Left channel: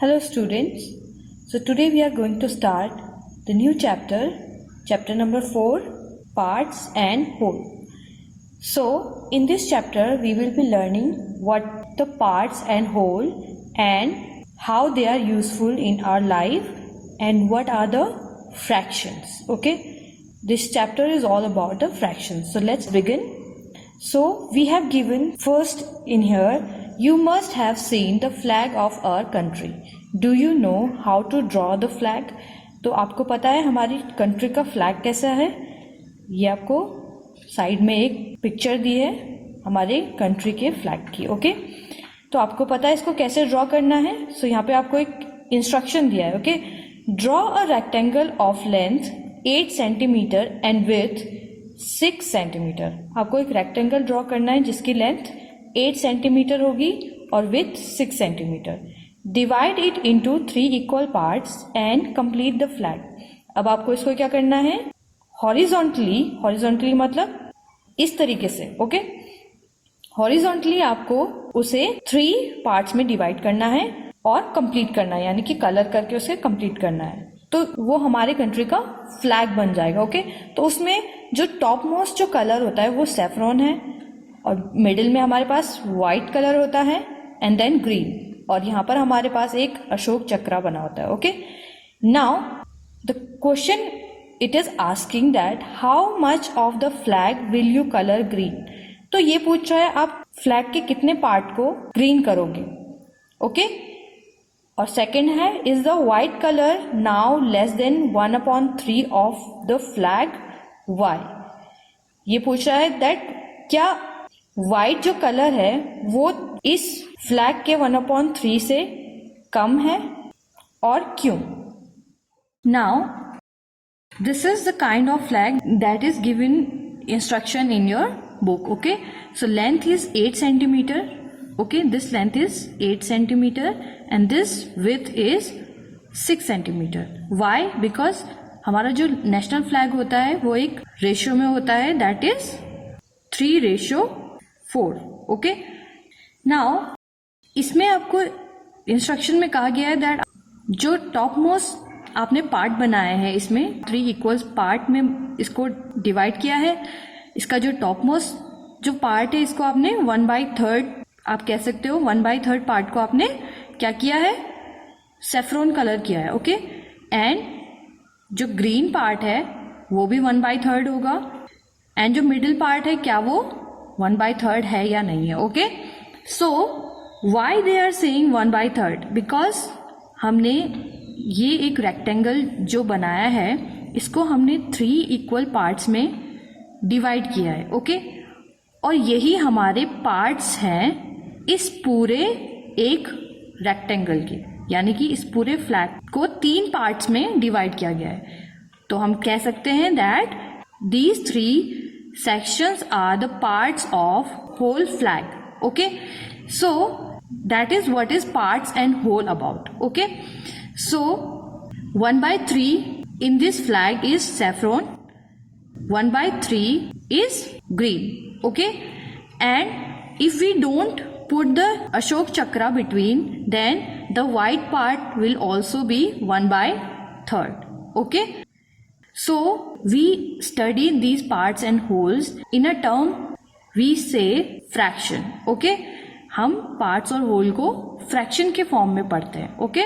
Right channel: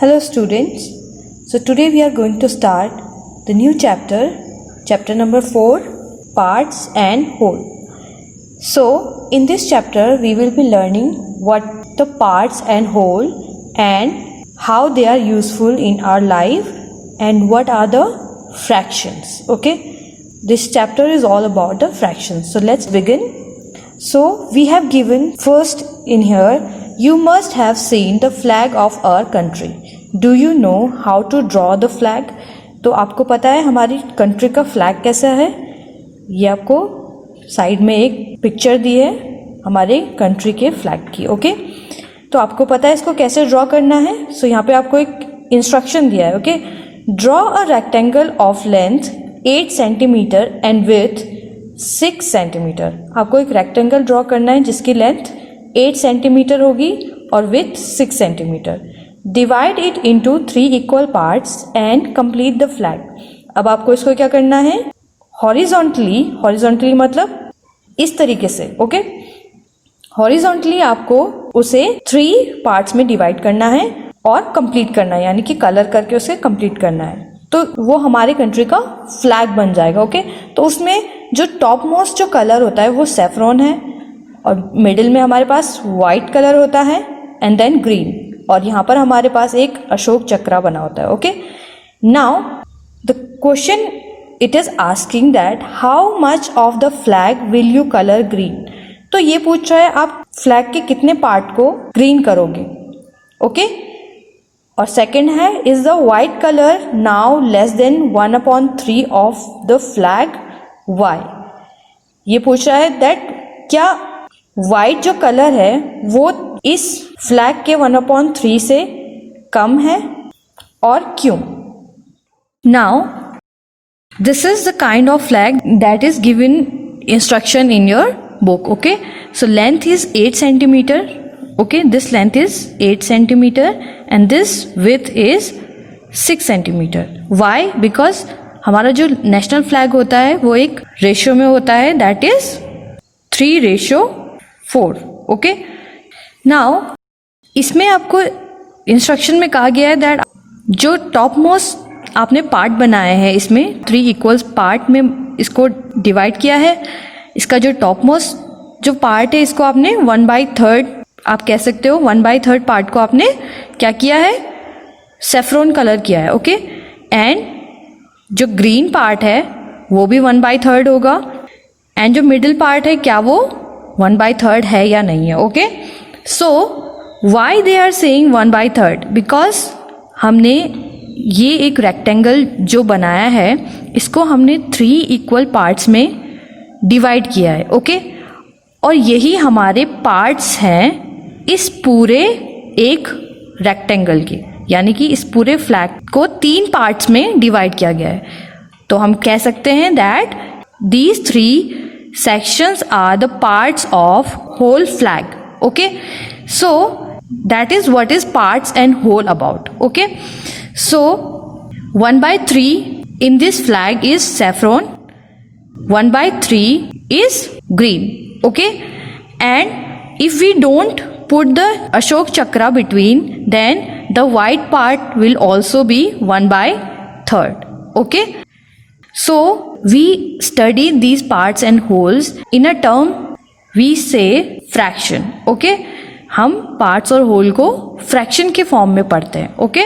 Hello students. So today we are going to start the new chapter, chapter number 4, parts and whole. So in this chapter we will be learning what the parts and whole and how they are useful in our life and what are the fractions. Okay, this chapter is all about the fractions. So let's begin. So we have given first in here, you must have seen the flag of our country. Do you know how to draw the flag? तो आपको पता है हमारी country का flag कैसा है? ये आपको साइड में एक पिक्चर दी है हमारे कंट्री के फ्लैग की. ओके, तो आपको पता है इसको कैसे ड्रॉ करना है. सो यहाँ पे आपको एक इंस्ट्रक्शन दिया है. Okay, draw a rectangle of length 8 centimetre and with 6 centimetre. आपको एक रेक्टेंगल ड्रॉ करना है जिसकी लेंथ 8 सेंटीमीटर होगी और with 6 centimetre. Divide it into 3 equal parts and complete the flag. अब आपको इसको क्या करना है, हॉरिजॉन्टली मतलब इस तरीके से. ओके, हॉरिजॉन्टली आपको उसे 3 पार्ट्स में डिवाइड करना है और कंप्लीट करना है, यानी कि कलर करके उसे कंप्लीट करना है. तो वो हमारे कंट्री का फ्लैग बन जाएगा. ओके, तो उसमें जो टॉप मोस्ट जो कलर होता है वो सैफरॉन है और मिडिल में हमारे पास वाइट कलर होता है एंड देन ग्रीन, और यहाँ पर हमारे पास एक अशोक चक्रा बना होता है. Okay, now the question it is asking that how much of the flag will you colour green. तो ये पूछ रहा है आप फ्लैग के कितने पार्ट को ग्रीन करोगे. ओके, और सेकेंड है is the white colour now less than 1/3 of the flag. Why, ये पूछ रहा है दैट क्या वाइट जो कलर है वो इस फ्लैग के 1/3 से कम है और क्यों. Now this is the kind of flag that is given instruction in your book. Okay, so length is 8 centimeter. Okay, this length is 8 centimeter and this width is 6 centimeter. Why? Because हमारा जो national flag होता है वो एक ratio में होता है, that is 3:4. Okay, now इसमें आपको इंस्ट्रक्शन में कहा गया है दैट जो टॉप मोस्ट आपने पार्ट बनाया है इसमें 3 इक्वल्स पार्ट में इसको डिवाइड किया है. इसका जो टॉप मोस्ट जो पार्ट है इसको आपने 1/3 आप कह सकते हो 1/3 पार्ट को आपने क्या किया है, सेफ्रॉन कलर किया है. ओके, एंड जो ग्रीन पार्ट है वो भी 1/3 होगा एंड जो मिडिल पार्ट है क्या वो 1/3 है या नहीं है. Okay, so why they are saying 1/3? Because हमने ये एक रेक्टेंगल जो बनाया है इसको हमने 3 इक्वल पार्ट्स में डिवाइड किया है. ओके, और यही हमारे पार्ट्स हैं इस पूरे एक रेक्टेंगल के, यानी कि इस पूरे फ्लैग को 3 पार्ट्स में डिवाइड किया गया है. तो हम कह सकते हैं that these 3 sections are the parts of whole flag. Okay, so that is what is parts and whole about. Okay, so 1/3 in this flag is saffron, 1/3 is green. Okay, and if we don't put the Ashok Chakra between, then the white part will also be 1/3. Okay, so we study these parts and wholes in a term we say fraction. Okay, हम parts और whole को fraction के form में पढ़ते हैं. Okay,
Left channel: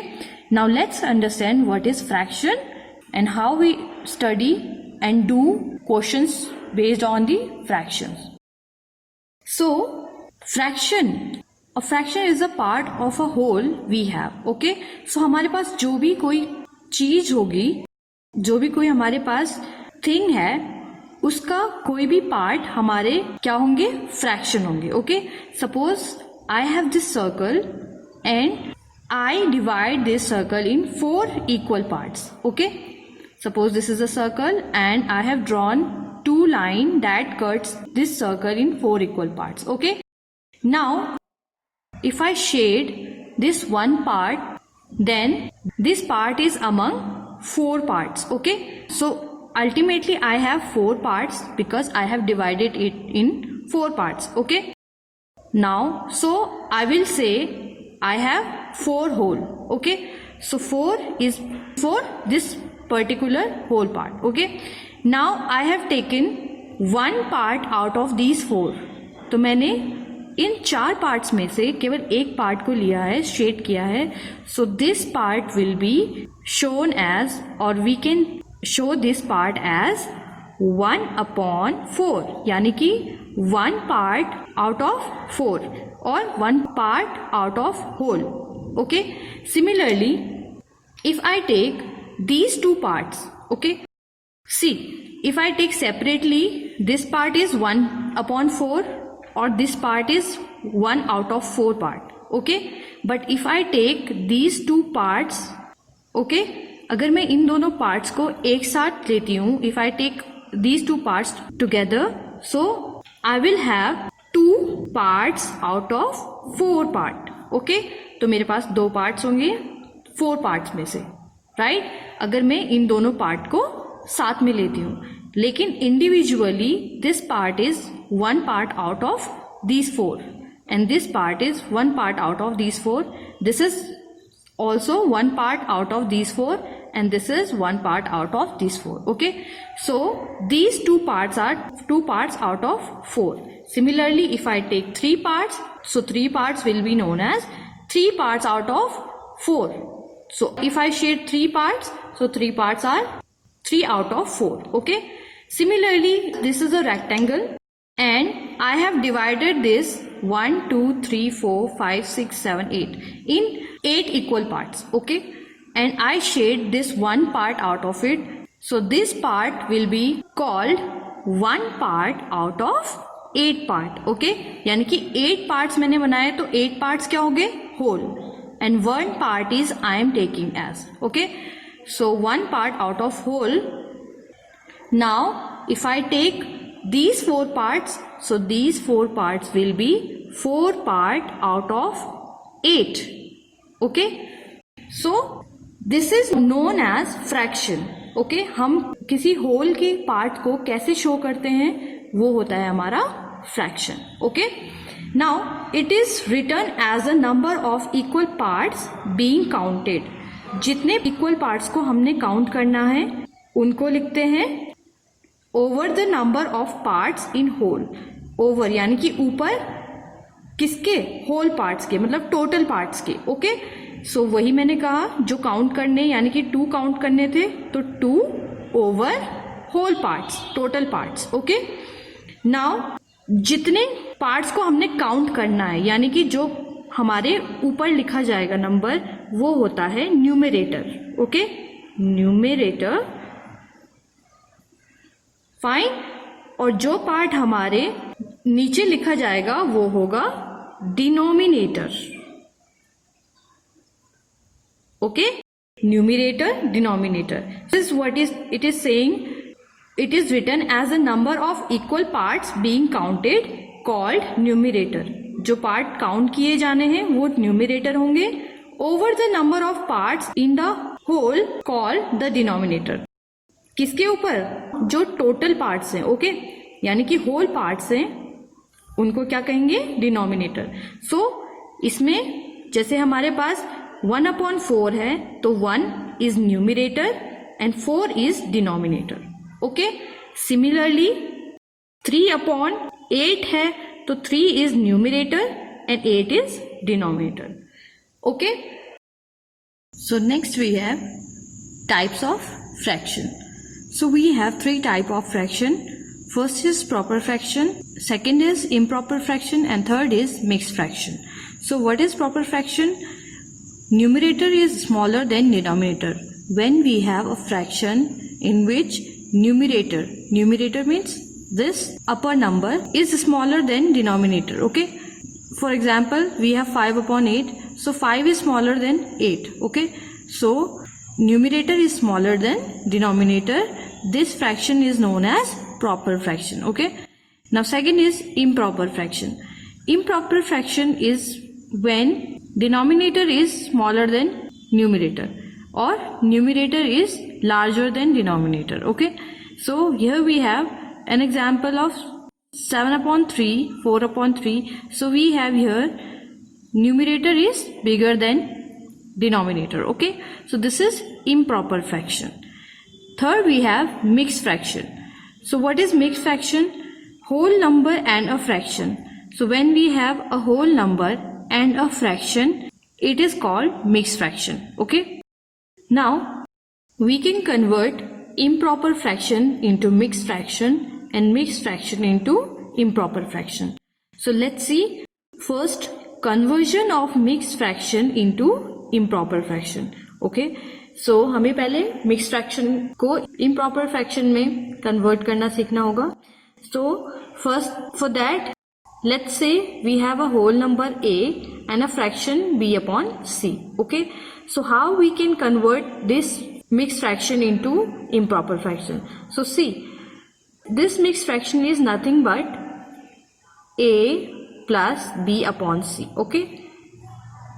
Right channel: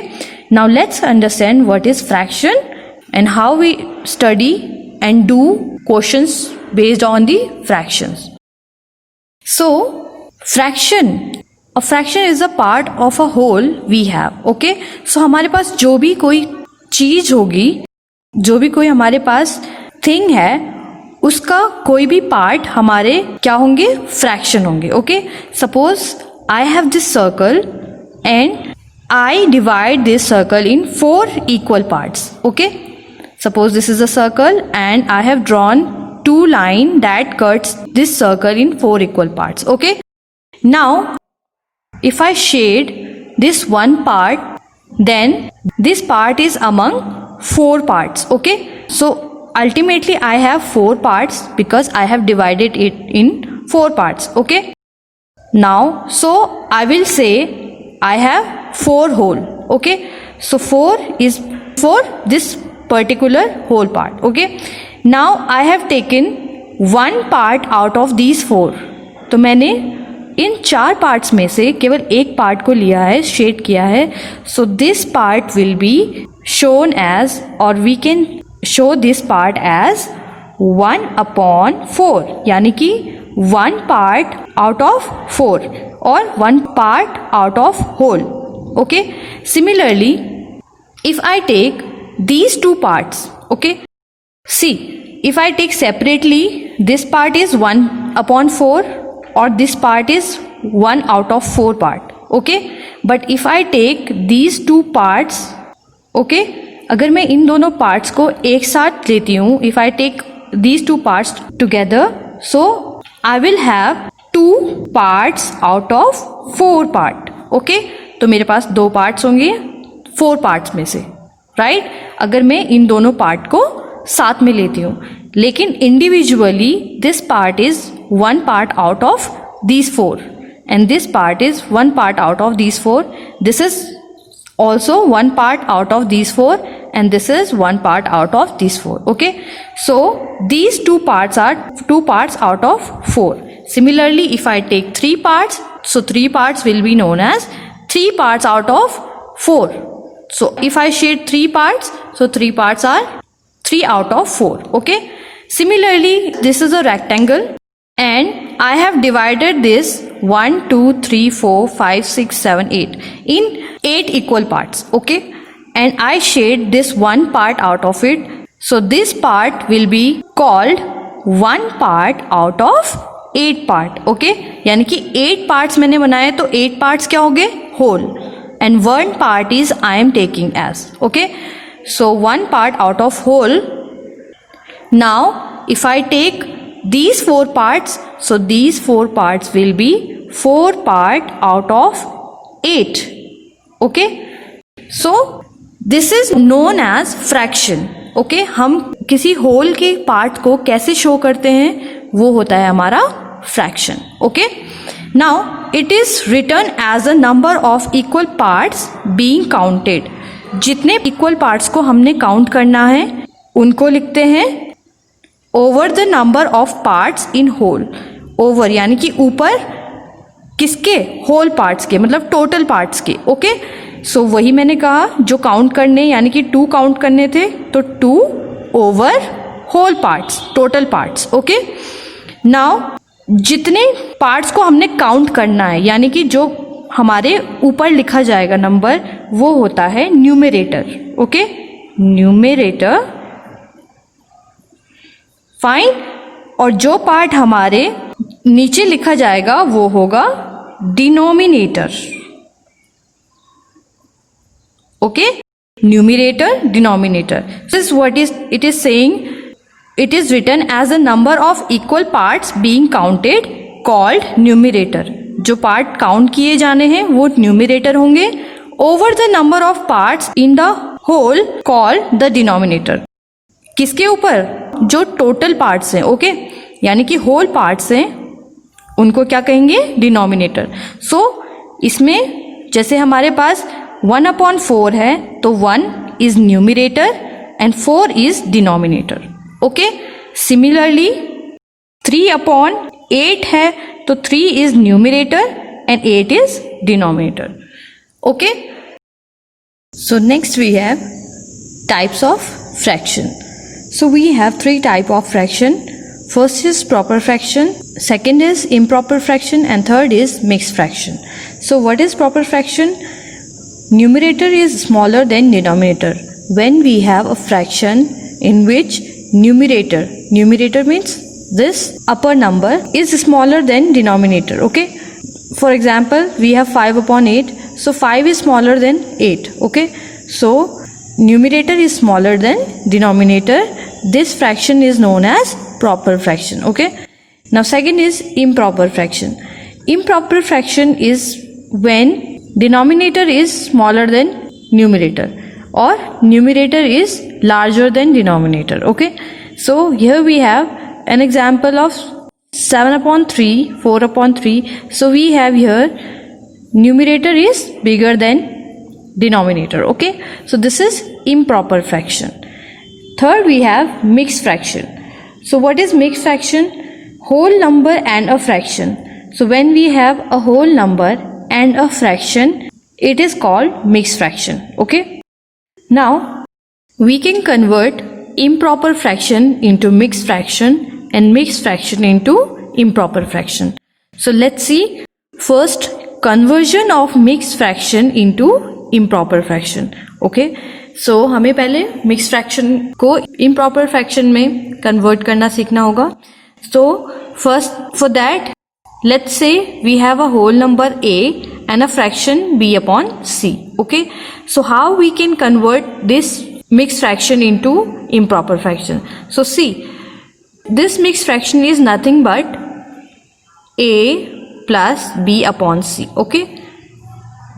now let's understand what is fraction and how we study and do questions based on the fractions. So a fraction is a part of a whole we have. Okay, so हमारे पास जो भी कोई चीज होगी, जो भी कोई हमारे पास थिंग है उसका कोई भी पार्ट हमारे क्या होंगे, फ्रैक्शन होंगे. Okay, suppose I have this circle and I divide this circle in 4 equal parts. Okay, suppose this is a circle and I have drawn 2 lines that cuts this circle in 4 equal parts. Okay, now if I shade this one part, then this part is among 4 parts. Okay, so ultimately I have 4 parts because I have divided it in 4 parts. Okay, now so I will say I have 4 whole. Okay, so 4 is for this particular whole part. Okay, now I have taken one part out of these 4. तो मैंने इन 4 parts में से केवल एक part को लिया है, shade किया है. So this part will be shown as, और we can show this part as 1/4, यानी कि 1 पार्ट आउट ऑफ 4 और 1 part out of whole. Okay, similarly if I take these 2 parts, okay, see, if I take separately, this part is 1/4 or this part is 1 out of 4 part. Okay, but if I take these 2 parts, okay, अगर मैं इन दोनों parts को एक साथ लेती हूँ, if I take these 2 parts together, so I will have 2 parts out of 4 part. Okay, तो मेरे पास 2 parts होंगे 4 पार्ट्स में से, राइट? अगर मैं इन दोनों पार्ट को साथ में लेती हूँ, लेकिन individually this part is 1 part out of these 4 and this part is 1 part out of these 4. This is also 1 part out of these 4 and this is 1 part out of these 4. Okay, so these 2 parts are 2 parts out of 4. Similarly, if I take 3 parts, so 3 parts will be known as 3 parts out of 4. So if I shade 3 parts, so 3 parts are 3 out of 4. Okay, similarly this is a rectangle and I have divided this 1 2 3 4 5 6 7 8 in 8 equal parts. Okay, and I shade this 1 part out of it, so this part will be called 1 part out of 8 part. Okay, यानी कि 8 parts मैंने बनाए तो 8 parts क्या हो गए? Whole. And 1 part is I am taking as. Okay, so 1 part out of whole. Now if I take these 4 parts, so these 4 parts will be 4 part out of 8. Okay, so this is known as fraction. Okay, हम किसी whole के part को कैसे show करते हैं, वो होता है हमारा fraction. Okay, now it is written as a number of equal parts being counted. जितने इक्वल पार्ट्स को हमने काउंट करना है उनको लिखते हैं over the number of parts in whole. Over यानी कि ऊपर किसके? होल पार्ट्स के, मतलब टोटल पार्ट्स के. ओके, सो वही मैंने कहा जो काउंट करने, यानी कि 2 काउंट करने थे, तो 2 over whole parts, total parts. Okay, now जितने पार्ट्स को हमने काउंट करना है, यानी कि जो हमारे ऊपर लिखा जाएगा नंबर, वो होता है न्यूमरेटर. Okay, numerator. फाइन. और जो पार्ट हमारे नीचे लिखा जाएगा वो होगा denominator. Okay, numerator, denominator. This is what is it is saying. It is written as a number of equal parts being counted called numerator. जो पार्ट काउंट किए जाने हैं वो न्यूमरेटर होंगे. Over the number of parts in the whole called the denominator. किसके ऊपर? जो total parts हैं. ओके, यानी कि होल पार्ट्स हैं उनको क्या कहेंगे? डिनोमिनेटर. सो इसमें जैसे हमारे पास 1/4 है तो 1 is numerator and 4 is denominator. Okay, similarly 3/8 है तो 3 is numerator and 8 is denominator. Okay, so next we have types of fraction. So we have 3 type of fraction. First is proper fraction, second is improper fraction, and third is mixed fraction. So what is proper fraction? Numerator is smaller than denominator. When we have a fraction in which numerator means this upper number is smaller than denominator. Okay, for example we have 5/8, so 5 is smaller than 8. Okay, so numerator is smaller than denominator. This fraction is known as proper fraction. Okay, now second is improper fraction. Improper fraction is when denominator is smaller than numerator or numerator is larger than denominator. Okay, so here we have an example of 7/3, 4/3. So we have here numerator is bigger than denominator. Okay, so this is improper fraction. Third, we have mixed fraction. So what is mixed fraction? Whole number and a fraction. So when we have a whole number and a fraction, it is called mixed fraction. Okay, now we can convert improper fraction into mixed fraction and mixed fraction into improper fraction. So let's see first conversion of mixed fraction into improper fraction. Okay, so हमें पहले mixed fraction को improper fraction में convert करना सीखना होगा. So first for that, let's say we have a whole number a and a fraction b upon c. Okay, so how we can convert this mixed fraction into improper fraction? So see, this mixed fraction is nothing but a plus b upon c. Okay,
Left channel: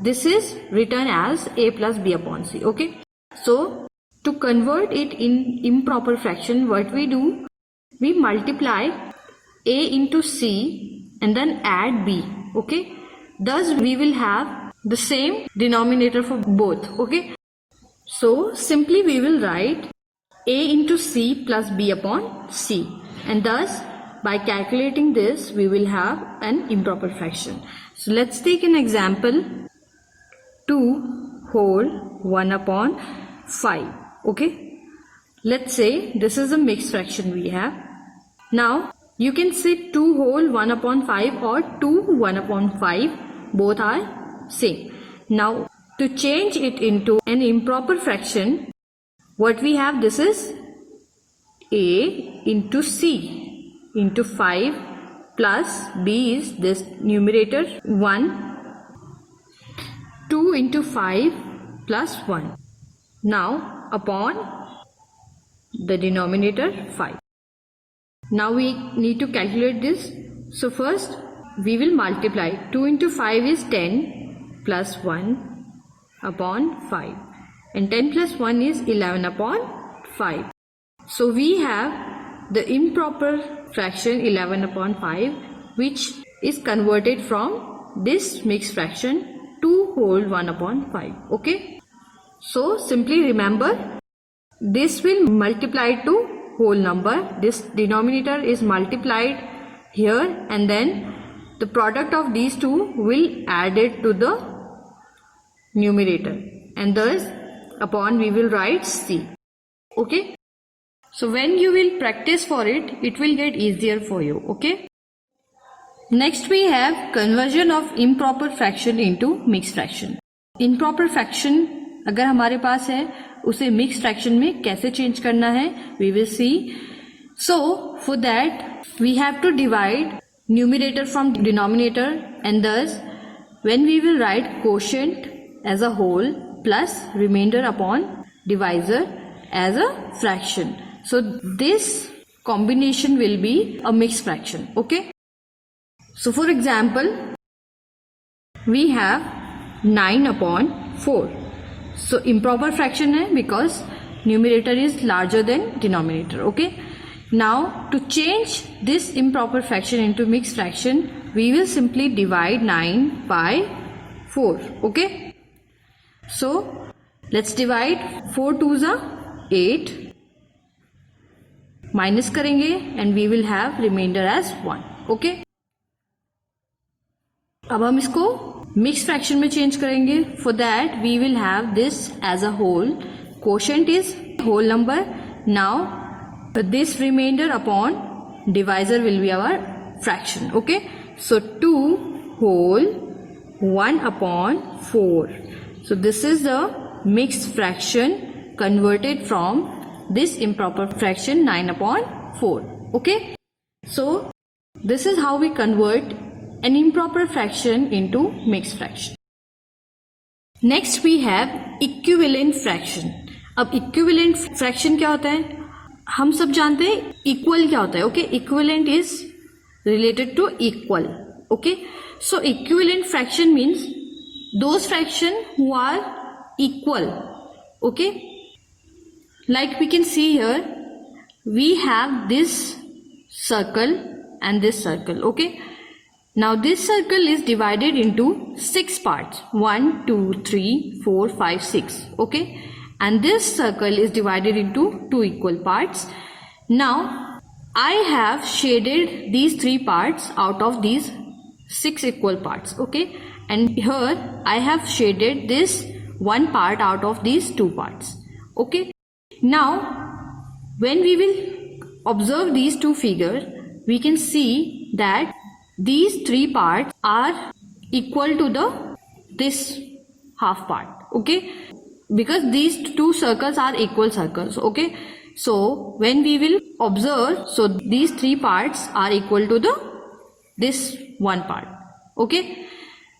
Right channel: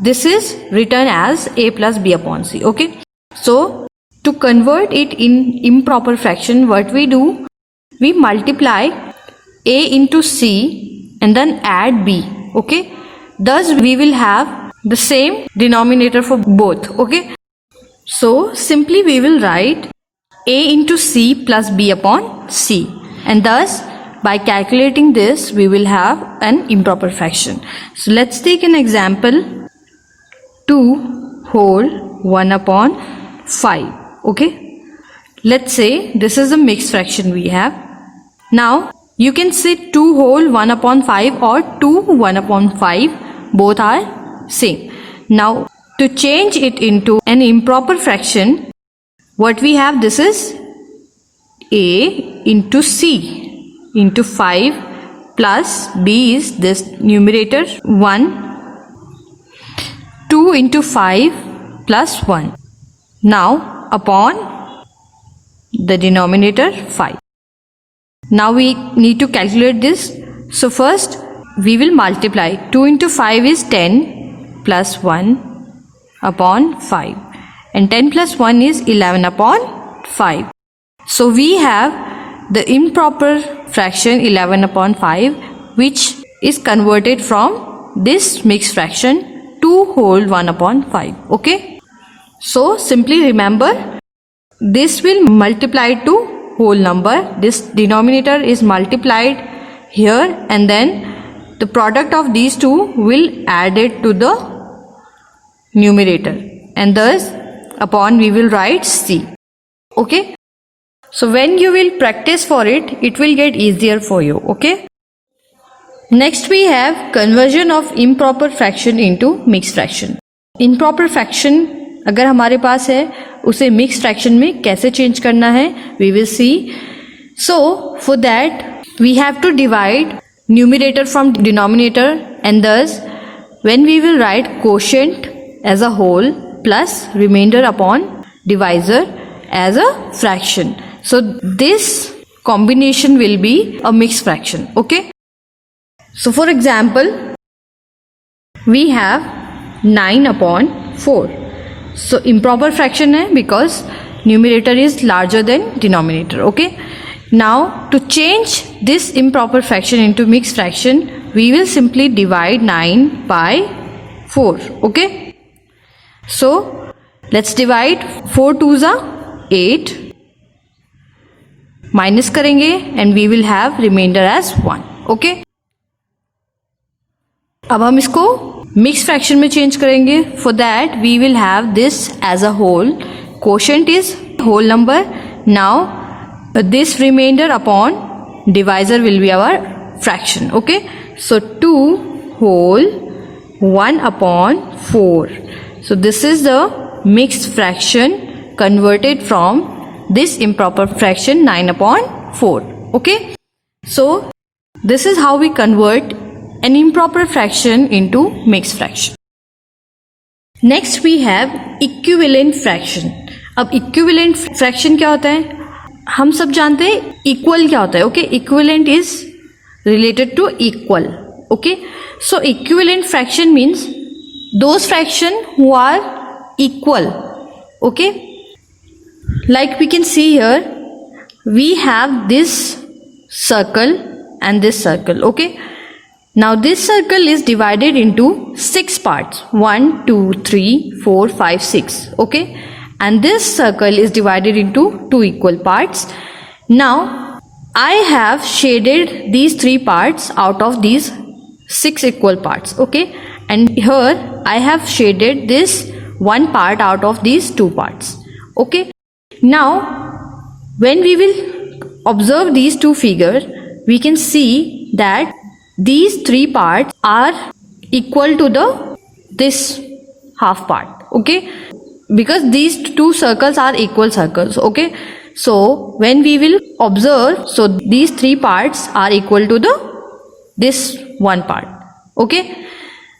this is written as a plus b upon c. Okay, so to convert it in improper fraction, what we do, we multiply a into c and then add b. Okay, thus we will have the same denominator for both. Okay, so simply we will write a into c plus b upon c, and thus by calculating this we will have an improper fraction. So let's take an example. 2 whole 1 upon 5. Okay, let's say this is a mixed fraction we have. Now you can say 2 whole 1 upon 5 or 2 1 upon 5, both are same. Now to change it into an improper fraction, what we have, this is a into c into 5 plus b is this numerator 1, 2 into 5 plus 1. Now upon the denominator 5. Now we need to calculate this. So first we will multiply. 2 into 5 is 10 plus 1 upon 5, and 10 plus 1 is 11 upon 5. So we have the improper fraction 11 upon 5, which is converted from this mixed fraction 2 whole 1 upon 5. Okay, so simply remember, this will multiply to whole number, this denominator is multiplied here, and then the product of these two will add it to the numerator, and thus upon we will write c. Okay, so when you will practice for it, it will get easier for you. Okay, next we have conversion of improper fraction into mixed fraction. Improper fraction अगर हमारे पास है, उसे mixed fraction में कैसे change करना है, we will see. So for that we have to divide numerator from denominator, and thus when we will write quotient as a whole plus remainder upon divisor as a fraction. So this combination will be a mixed fraction. Okay, so for example, we have 9 upon 4. So improper fraction है because numerator is larger than denominator. Okay, now to change this improper fraction into mixed fraction, we will simply divide 9 by 4. Okay, so let's divide. 4 2s are 8, minus करेंगे and we will have remainder as 1. Okay, अब हम इसको mix fraction में change करेंगे. For that we will have this as a whole. Quotient is whole number. Now this remainder upon divisor will be our fraction. Okay, so 2 whole 1 upon 4. So this is the mixed fraction converted from this improper fraction 9 upon 4. Okay, so this is how we convert an improper fraction into mixed fraction. Next we have equivalent fraction. अब equivalent fraction क्या होता है? हम सब जानते हैं equal क्या होता है. Okay, equivalent is related to equal. Okay, so equivalent fraction means those fraction who are equal. Okay, like we can see here, we have this circle and this circle. Okay, Now this circle is divided into 6 parts. 1, 2, 3, 4, 5, 6. Okay. And this circle is divided into 2 equal parts. Now I have shaded these 3 parts out of these 6 equal parts. Okay. And here I have shaded this 1 part out of these 2 parts. Okay. Now when we will observe these two figures, we can see that these 3 parts are equal to this half part. Okay, because these two circles are equal circles. Okay, so when we will observe, so these 3 parts are equal to this 1 part. Okay,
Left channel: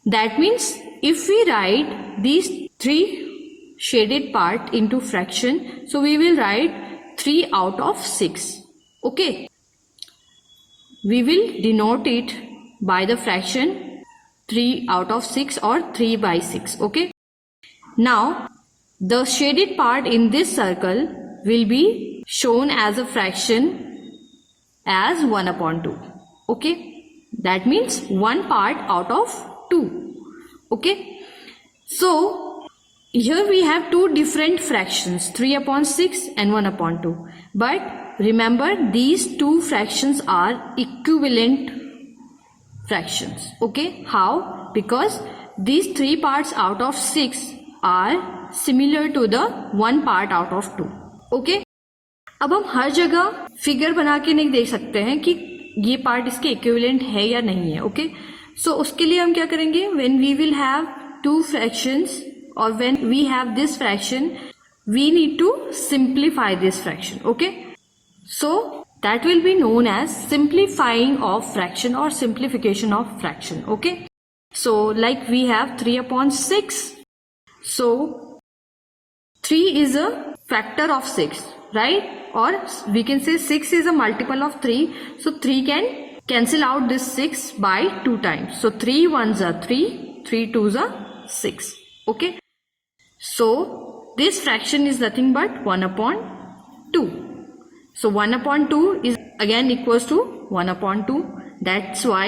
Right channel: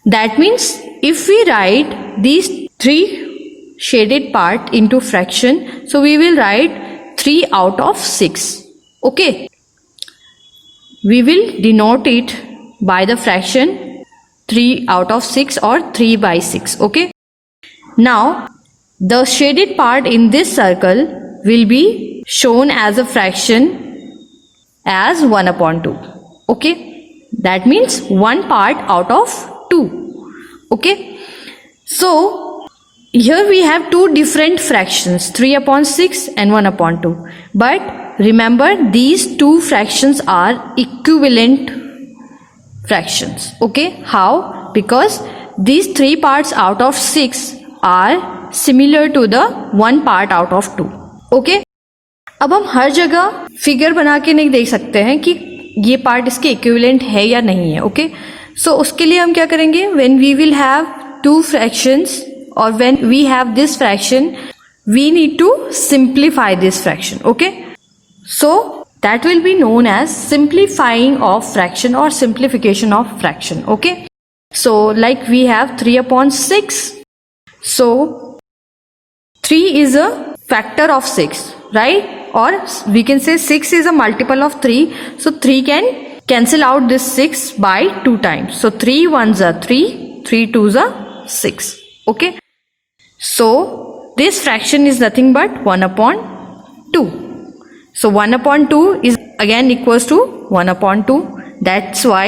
that means if we write these 3 shaded part into fraction, so we will write 3 out of 6. Okay, we will denote it by the fraction 3 out of 6 or 3 by 6. Okay, now the shaded part in this circle will be shown as a fraction as 1 upon 2. Okay, that means 1 part out of 2. Okay, so here we have 2 different fractions, 3 upon 6 and 1 upon 2. But remember, these 2 fractions are equivalent fractions. Okay, how? Because these 3 parts out of 6 are similar to the 1 part out of 2. Okay, अब हम हर जगह figure बना के नहीं देख सकते हैं कि ये पार्ट इसके इक्विवेलेंट है या नहीं है. ओके, सो उसके लिए हम क्या करेंगे, when we will have 2 fractions और when we have this fraction, we need to simplify this fraction. Okay, so that will be known as simplifying of fraction or simplification of fraction. Okay, so like we have 3 upon 6, so 3 is a factor of 6, right? Or we can say 6 is a multiple of 3, so 3 can cancel out this 6 by 2 times. So 3 1s are 3, 3 2s are 6. Okay, so this fraction is nothing but 1 upon 2. So 1 upon 2 is again equals to 1 upon 2. That's why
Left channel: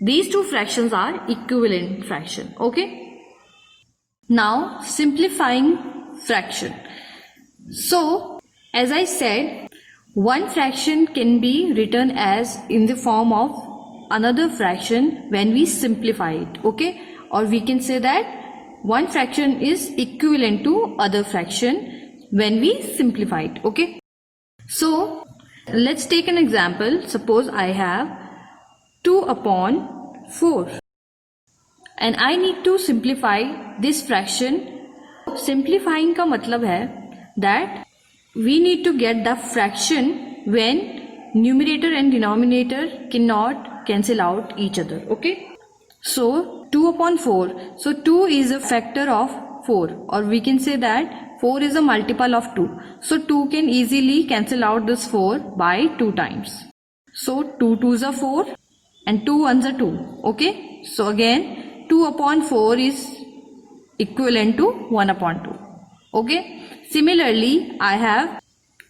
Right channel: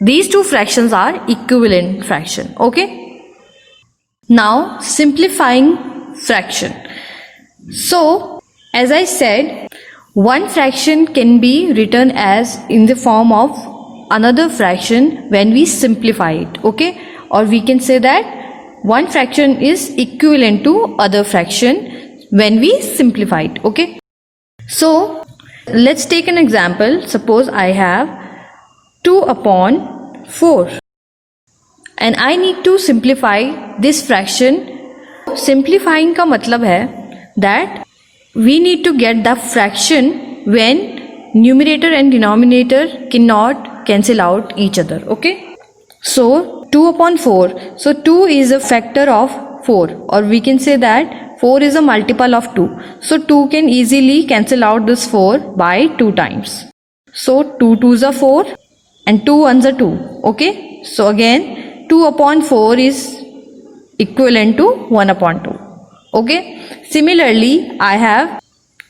these 2 fractions are equivalent fraction. Okay, now simplifying fraction. So as I said, one fraction can be written as in the form of another fraction when we simplify it. Okay, or we can say that one fraction is equivalent to other fraction when we simplify it. Okay, so let's take an example. Suppose I have 2 upon 4 and I need to simplify this fraction. Simplifying का मतलब है that we need to get the fraction when numerator and denominator cannot cancel out each other. Okay, so 2 upon 4, so 2 is a factor of 4, or we can say that 4 is a multiple of 2. So 2 can easily cancel out this 4 by 2 times. So 2 2s are 4 and 2 1s are 2. Okay, so again 2 upon 4 is equivalent to 1 upon 2. Okay, similarly I have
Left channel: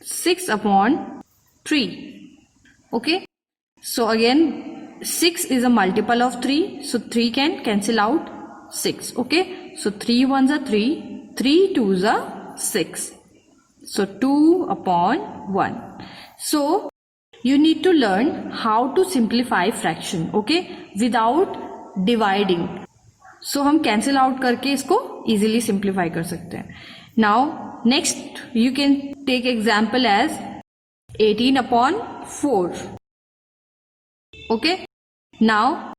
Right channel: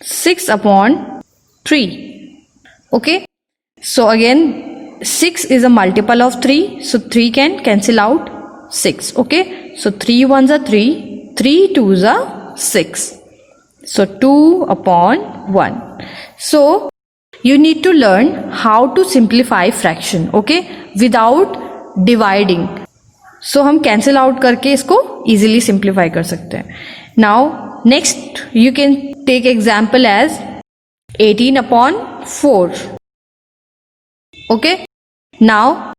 6 upon 3. Okay, so again 6 is a multiple of 3, so 3 can cancel out 6. Okay, so 3 1s are 3, 3 2s are 6, so 2 upon 1. So you need to learn how to simplify fraction. Okay, without dividing. So हम cancel out करके इसको easily simplify कर सकते हैं. Now next you can take example as 18 upon 4. Okay, now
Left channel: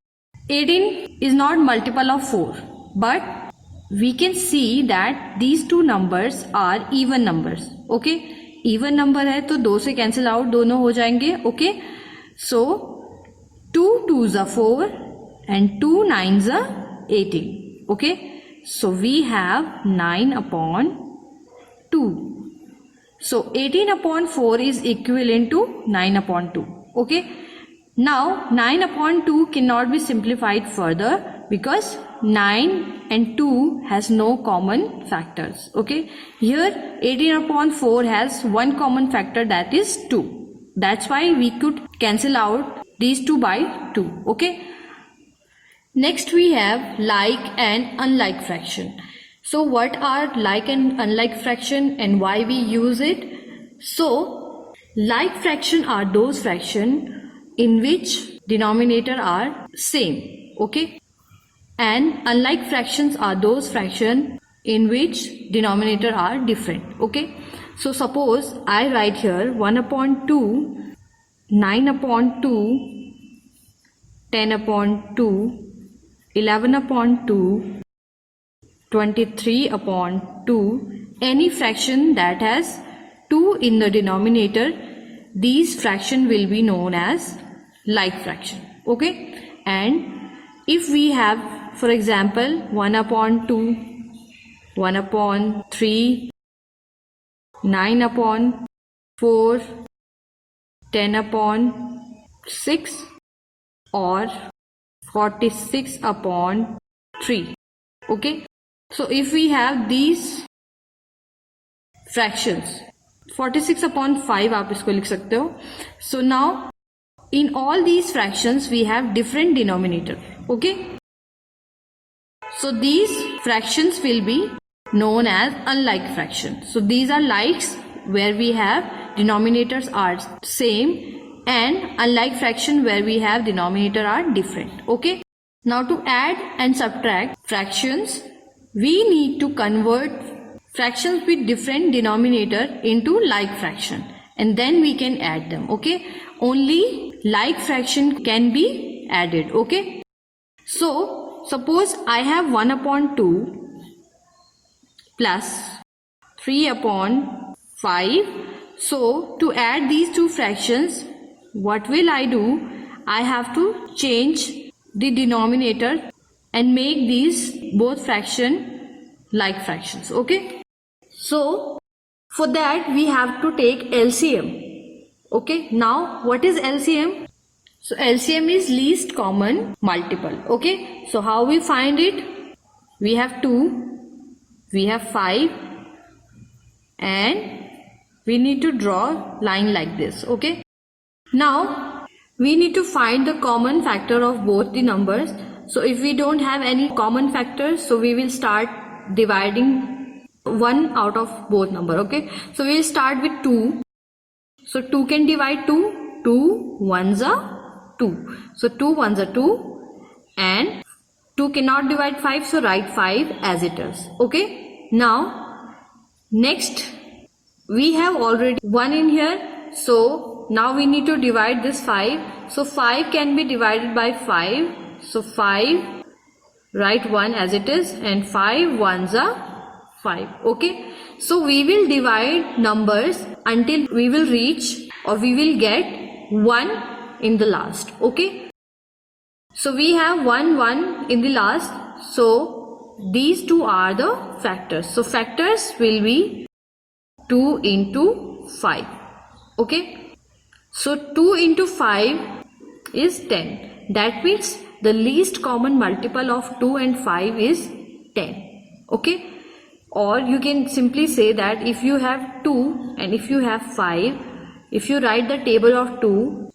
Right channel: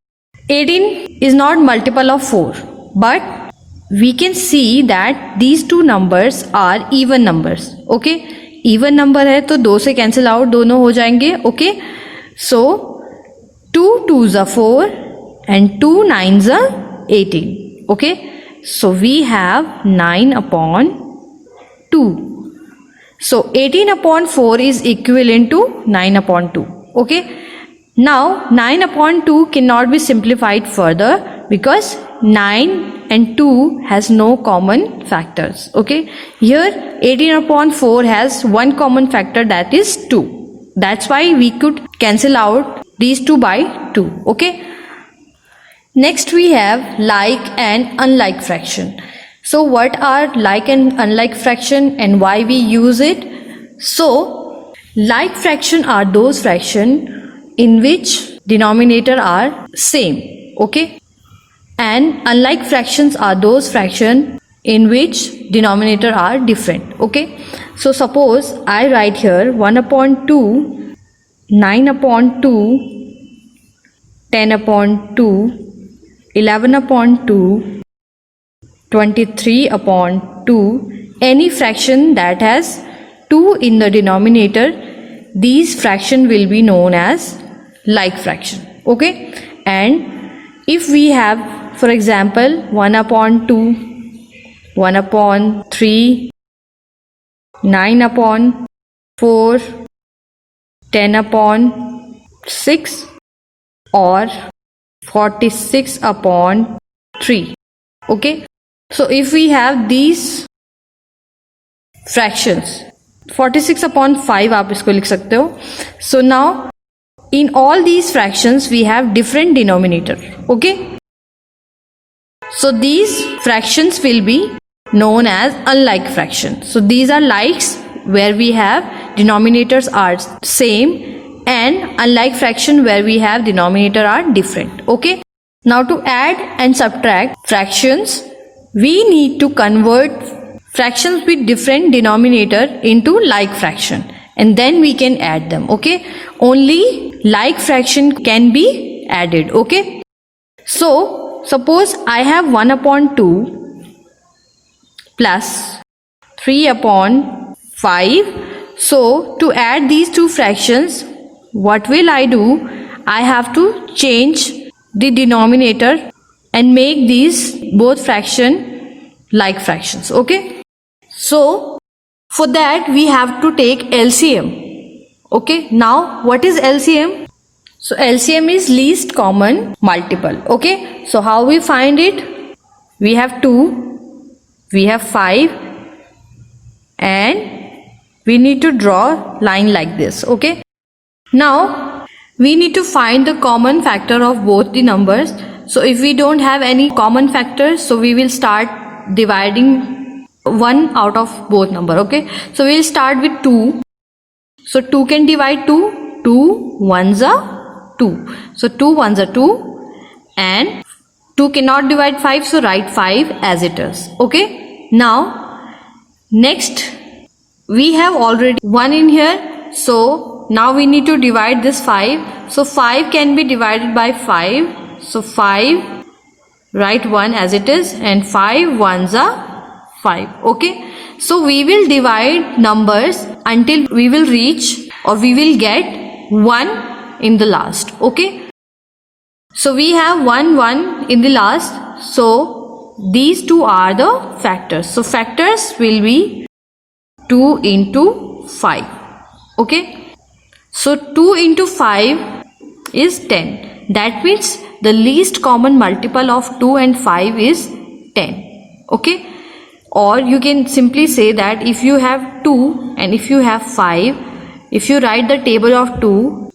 18 is not multiple of 4, but we can see that these two numbers are even numbers. Okay, even number है तो 2 से cancel out दोनों हो जाएंगे. Okay, so 2 2s are 4 and 2 9s are 18. Okay, so we have 9 upon 2. So 18 upon 4 is equivalent to 9 upon 2. Okay, now 9 upon 2 cannot be simplified further because 9 and 2 has no common factors. Okay, here 18 upon 4 has one common factor, that is 2. That's why we could cancel out these 2 by 2. Okay, Next we have like and unlike fraction. So what are like and unlike fraction and why we use it? So like fraction are those fraction in which denominator are same, okay? And unlike fractions are those fraction in which denominator are different, okay? So suppose I write here 1 upon 2, 9 upon 2, 10 upon 2, 11 upon 2, 23 upon 2, any fraction that has 2 in the denominator, these fraction will be known as like fraction, okay? And if we have, for example, 1 upon 2, 1 upon 3, 9 upon 4, 10 upon 6 or 46 upon 3, okay? So if we have these fractions, 46 upon 5 आप इसको लिख सकते हो. So now in all these fractions we have different denominator, okay? So these fractions will be known as unlike fraction. So these are likes where we have denominators are same, and unlike fraction where we have denominator are different, okay? Now to add and subtract fractions, we need to convert fractions with different denominator into like fraction, and then we can add them, okay? Only like fraction can be added, okay? So suppose I have 1 upon 2 plus 3 upon 5. So to add these two fractions, what will I do? I have to change the denominator and make these both fraction like fractions, okay? So for that we have to take LCM, okay? Now what is LCM? So LCM is least common multiple, okay? So how we find it? We have 2, we have 5, and we need to draw line like this, okay? Now we need to find the common factor of both the numbers. So if we don't have any common factors, so we will start dividing one out of both number, okay? So we'll start with 2. So 2 can divide 2, 2 ones are 2. So 2 ones are 2, and 2 cannot divide 5, so write 5 as it is, okay? Now next we have already 1 in here, so now we need to divide this 5. So 5 can be divided by 5, so 5, write 1 as it is, and 5 ones are 5, okay? So we will divide numbers until we will reach or we will get 1 in the last, okay? So we have 1 in the last, so these two are the factors. So factors will be 2 into 5, okay? So 2 into 5 is 10. That means the least common multiple of 2 and 5 is 10, okay? Or you can simply say that if you have 2 and if you have 5, if you write the table of 2,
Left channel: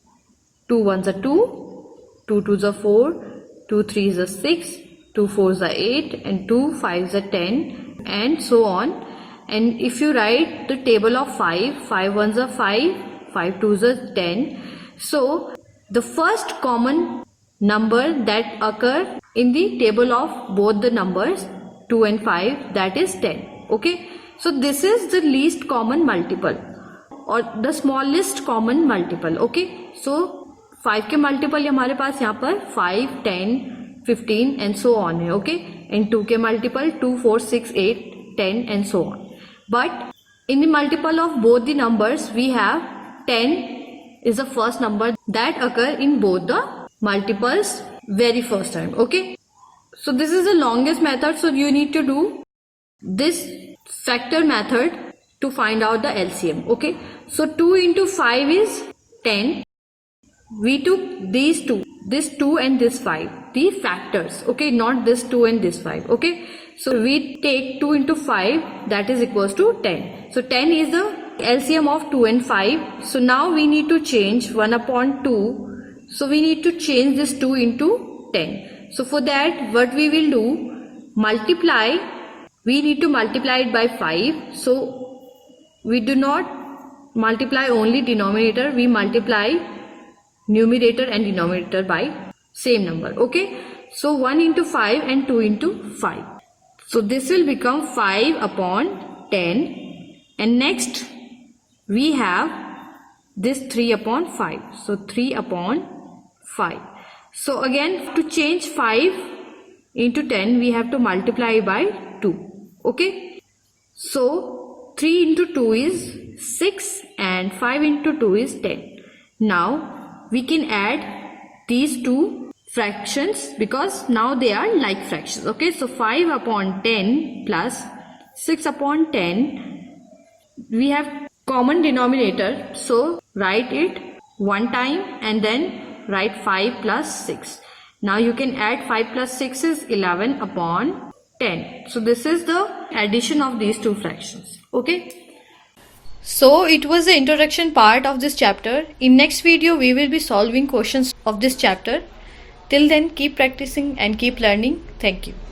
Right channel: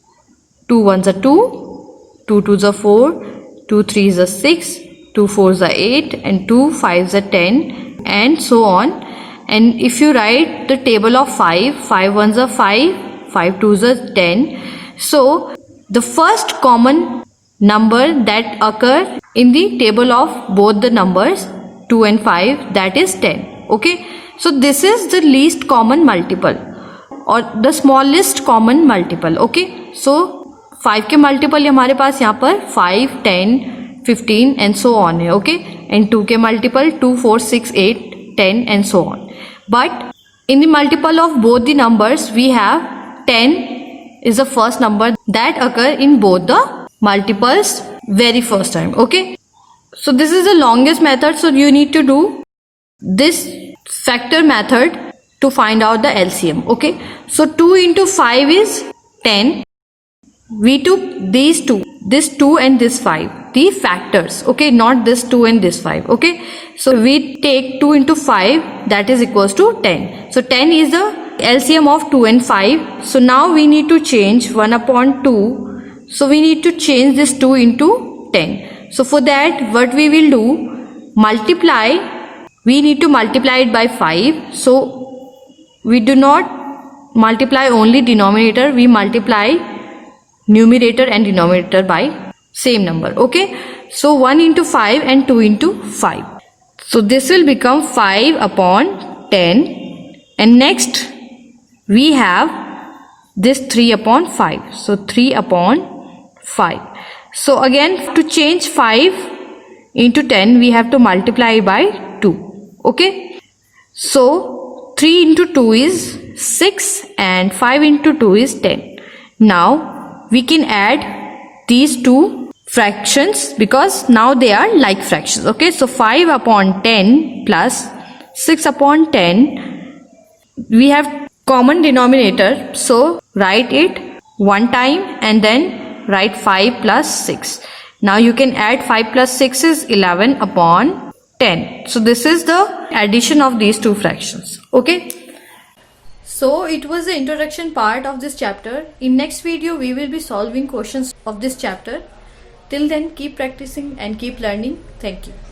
2 ones are 2, 2 twos are 4, 2 threes are 6, 2 fours are 8, and 2 fives are 10, and so on. And if you write the table of 5, 5 ones are 5, 5 twos are 10. So the first common number that occur in the table of both the numbers 2 and 5, that is 10, okay? So this is the least common multiple or the smallest common multiple, okay? So 5 के multiple हमारे पास यहाँ पर 5, 10, 15 and so on है, okay? And 2 के multiple 2, 4, 6, 8, 10 and so on. But in the multiple of both the numbers we have 10 is the first number that occur in both the multiples very first time, okay? So this is the longest method, so you need to do this factor method to find out the LCM, okay? So 2 into 5 is 10. We took these two, this 2 and this 5, the factors, okay? Not this 2 and this 5, okay? So we take 2 into 5, that is equals to 10. So 10 is the LCM of 2 and 5. So now we need to change 1 upon 2. So we need to change this 2 into 10. So for that, what we will do, multiply, we need to multiply it by 5. So we do not multiply only denominator, we multiply numerator and denominator by same number. Okay, so 1 into 5 and 2 into 5. So this will become 5 upon 10, and next we have this 3 upon 5. So 3 upon 5. So again, to change 5 into 10, we have to multiply by 2. Okay, so 3 into 2 is 6 and 5 into 2 is 10. Now we can add these two fractions because now they are like fractions. Okay, so 5 upon 10 plus 6 upon 10, we have common denominator, so write it one time and then write 5 plus 6. Now you can add 5 plus 6 is 11 upon 10. So this is the addition of these two fractions. Okay, so it was the introduction part of this chapter. In next video we will be solving questions of this chapter. Till then, keep practicing and keep learning. Thank you.